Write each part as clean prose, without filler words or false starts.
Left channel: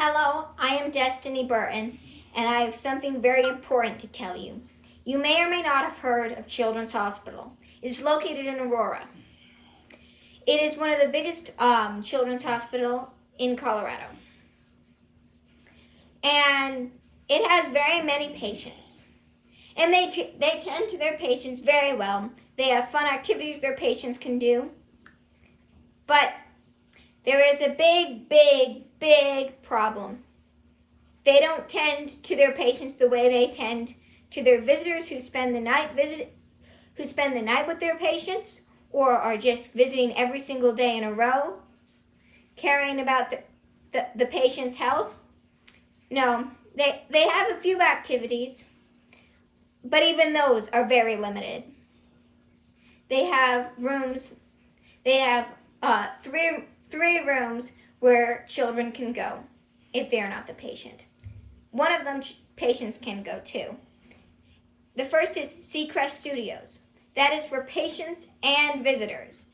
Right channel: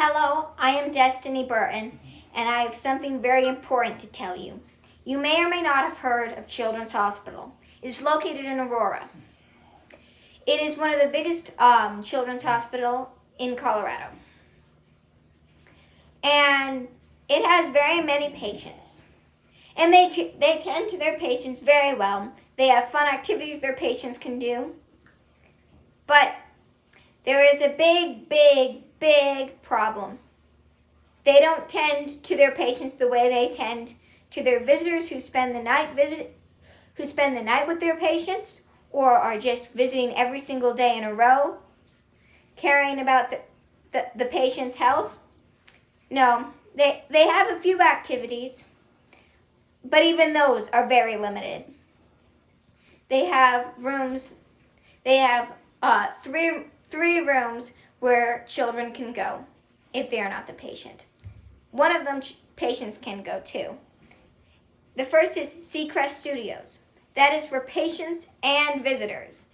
Hello, I am Destiny Burton, and I have something very important to tell you. You may or may not have heard of Children's Hospital. It is located in Aurora. It is one of the biggest children's hospital in Colorado. And it has very many patients. And they tend to their patients very well. They have fun activities their patients can do. But there is a big problem. They don't tend to their patients the way they tend to their visitors who spend the night with their patients, or are just visiting every single day in a row, caring about the patient's health. No, they have a few activities, but even those are very limited. They have rooms. They have three rooms where children can go if they are not the patient. One of them patients can go to. The first is Seacrest Studios. That is for patients and visitors.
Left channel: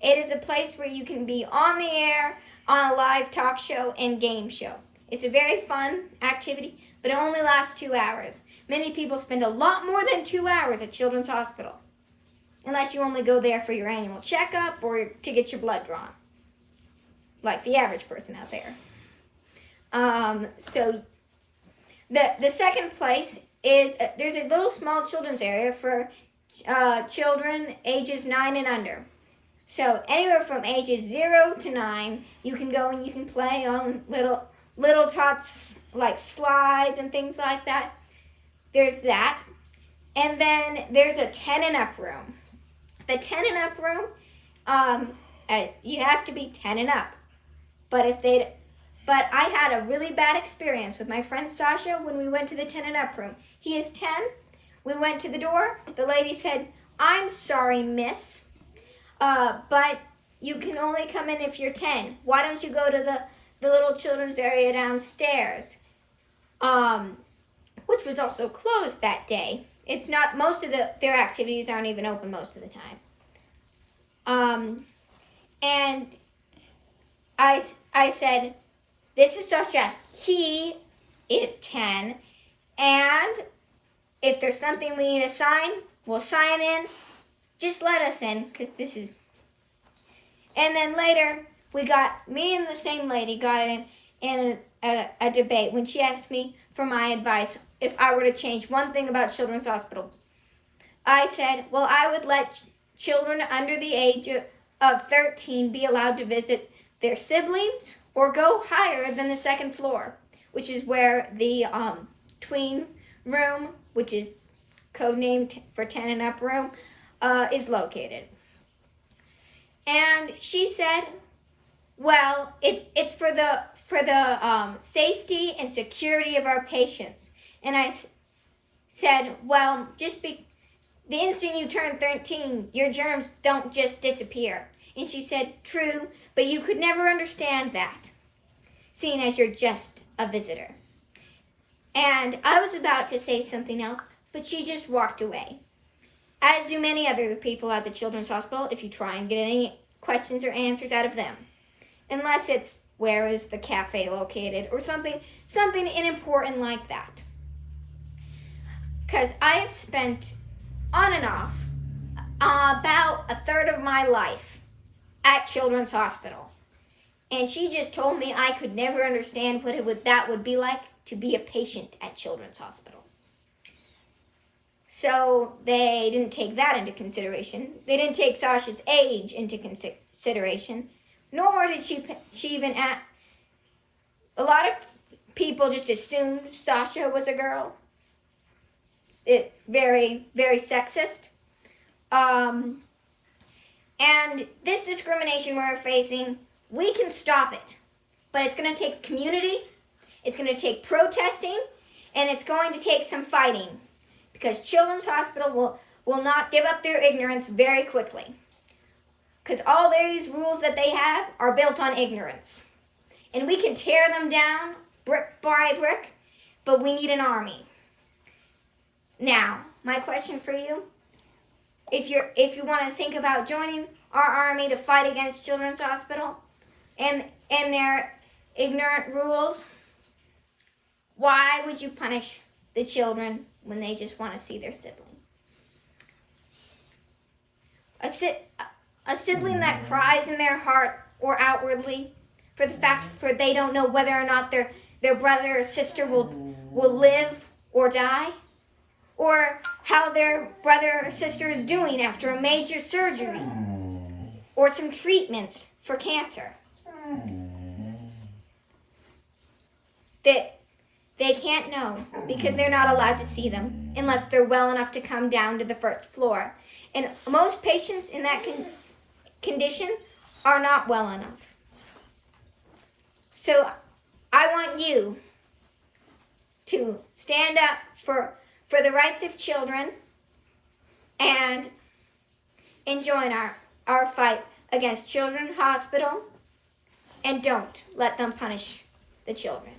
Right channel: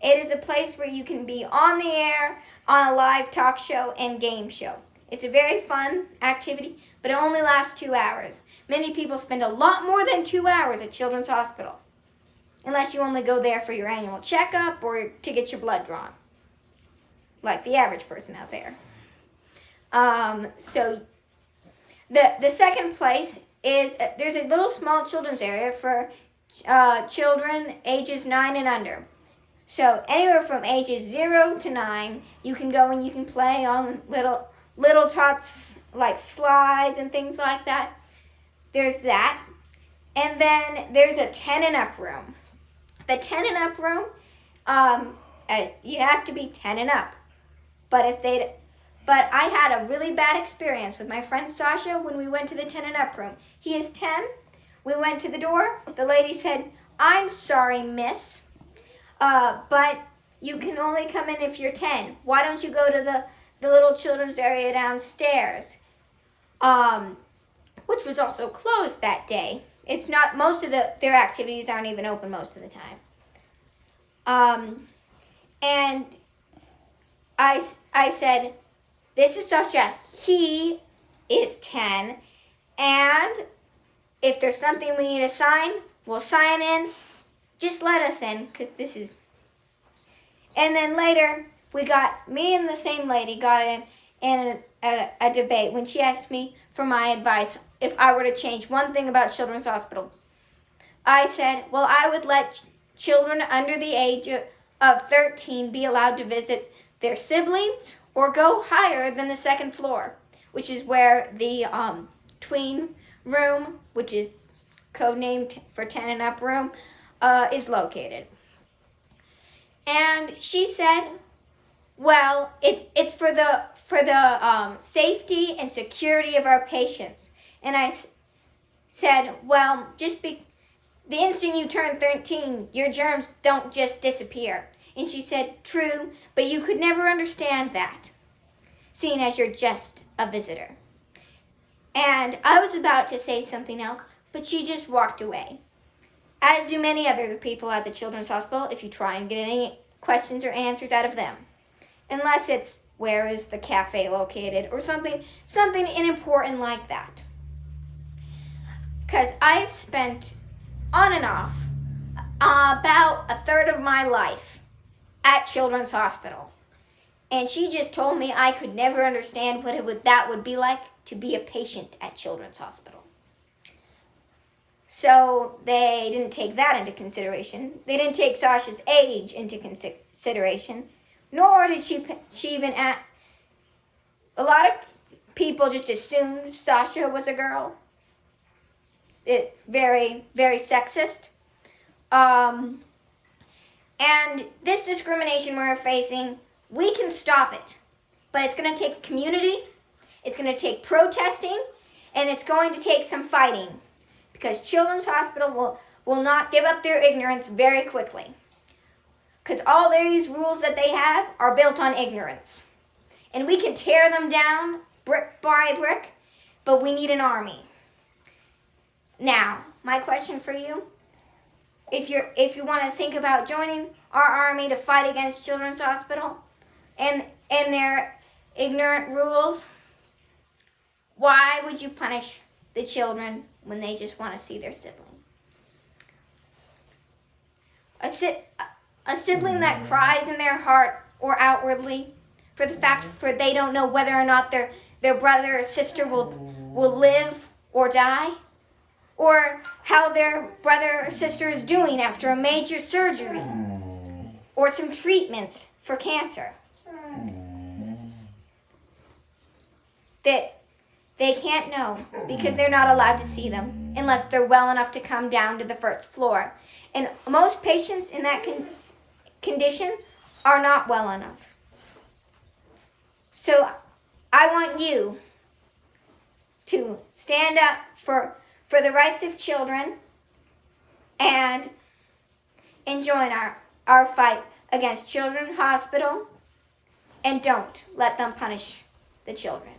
It is a place where you can be on the air, on a live talk show and game show. It's a very fun activity, but it only lasts 2 hours. Many people spend a lot more than 2 hours at Children's Hospital, unless you only go there for your annual checkup or to get your blood drawn, like the average person out there. So the second place is there's a little small children's area for children ages 9 and under. So anywhere from ages 0 to 9, you can go and you can play on little tots like slides and things like that. There's that. And then there's a 10 and up room. The 10 and up room, you have to be 10 and up. But I had a really bad experience with my friend Sasha when we went to the 10 and up room. He is 10. We went to the door. The lady said, "I'm sorry, miss, but you can only come in if you're 10. Why don't you go to the little children's area downstairs?" Which was also closed that day. It's not, most of their activities aren't even open most of the time. And I said, "This is Sasha. He is 10. And if there's something we need to sign, we'll sign in. Just let us in, because this is..." And then later, me and the same lady got in a debate when she asked me for my advice if I were to change one thing about Children's Hospital. I said, well, I would let children under the age of 13 be allowed to visit their siblings or go higher than the second floor, which is where the tween room, which is codenamed for 10 and up room, is located. And she said, well, it's for the safety and security of our patients. And I said, well, the instant you turn 13, your germs don't just disappear. And she said, true, but you could never understand that, seeing as you're just a visitor. And I was about to say something else, but she just walked away. As do many other people at the Children's Hospital if you try and get any questions or answers out of them. Unless it's, where is the cafe located, or something important like that. Because I have spent on and off about a third of my life at Children's Hospital. And she just told me I could never understand what that would be like to be a patient at Children's Hospital. So they didn't take that into consideration. They didn't take Sasha's age into consideration, nor did she even ask. A lot of people just assumed Sasha was a girl. It very, very sexist. And this discrimination we're facing, we can stop it. But it's going to take community, it's going to take protesting, and it's going to take some fighting. Because Children's Hospital will not give up their ignorance very quickly. Because all these rules that they have are built on ignorance. And we can tear them down brick by brick, but we need an army. Now, my question for you, if you want to think about joining our army to fight against Children's Hospital and their ignorant rules, Why would you punish the children when they just want to see their sibling? A sibling that cries in their heart or outwardly for they don't know whether or not their brother or sister will live or die, or how their brother or sister is doing after a major surgery or some treatments for cancer. That they can't know because they're not allowed to see them unless they're well enough to come down to the first floor. And most patients in that condition are not well enough. So I want you to stand up for the rights of children and join our fight against Children's Hospital, and don't let them punish the children.